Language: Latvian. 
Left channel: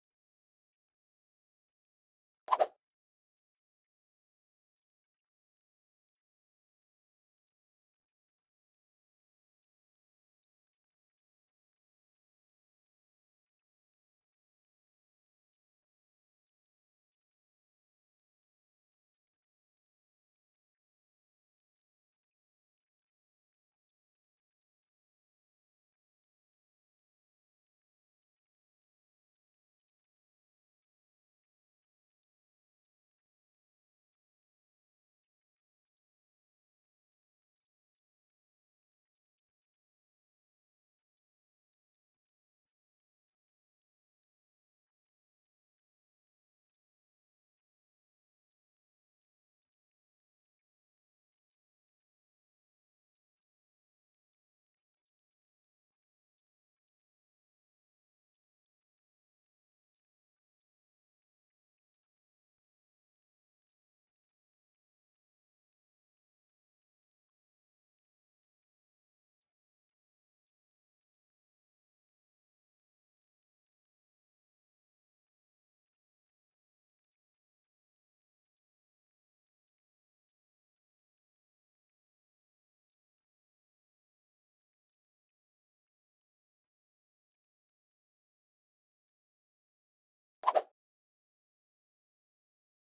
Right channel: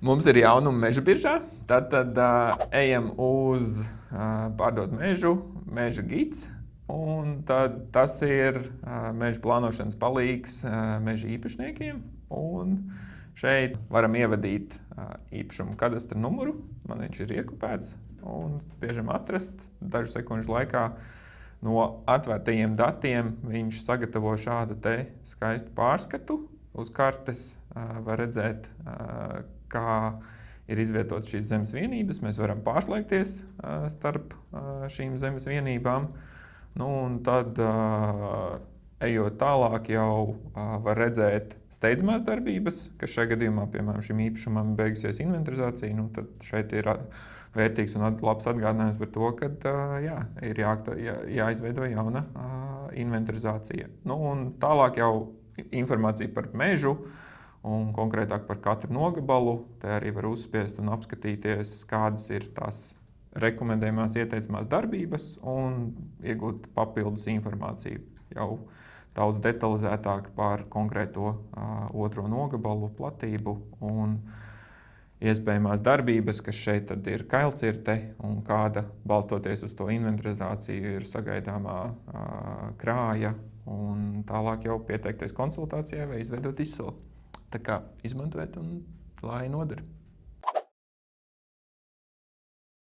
Mums ir jaunumi meža biržā. Tad ejam uz pārdot mežu, meža gids. Un tad tas ir meža plānošanas palīgs meža īpašniekiem. Un šeit varam ievadīt īpašumu kadastra numuru. Man viņš ir iekopēts un spiežam atrast. Dažu sekundžu laikā no atvērtajiem datiem viņš sagatavo šādu te skaistu pārskatu. Uz kartes var redzēt, kā ir izvietotas šīs zemes vienības. Mēs varam pārslēgties starp šīm zemes vienībām. Nu, un tad, ejot tālāk, jau var redzēt steidzamās darbības, kas šajā gadījumā, piemēram, šim īpašumam beigusies inventarizācija. Nu, tad šeit ir vērtīgs un labs atgādinājums par to, ka ir jāizveido jauna inventarizācija. Nu, un tālāk jau informācija par mežu un konkrētāk par katru nogabalu. Te arī var uzspiest un apskatīties, kādas ir tās rekomendējumās ieteicamās darbības un iegūt papildus informāciju jau daudz detalizētāk par konkrēto otro nogabalu platību un iespējamās darbības, kas šeit tad ir kailcirte un kāda, balstoties uz to inventarizāciju, ir sagaidāmā krāja un tālāk jau pieteikties konsultācijai vai izveidot izsoli. Tā kā izmantojiet un lai noder.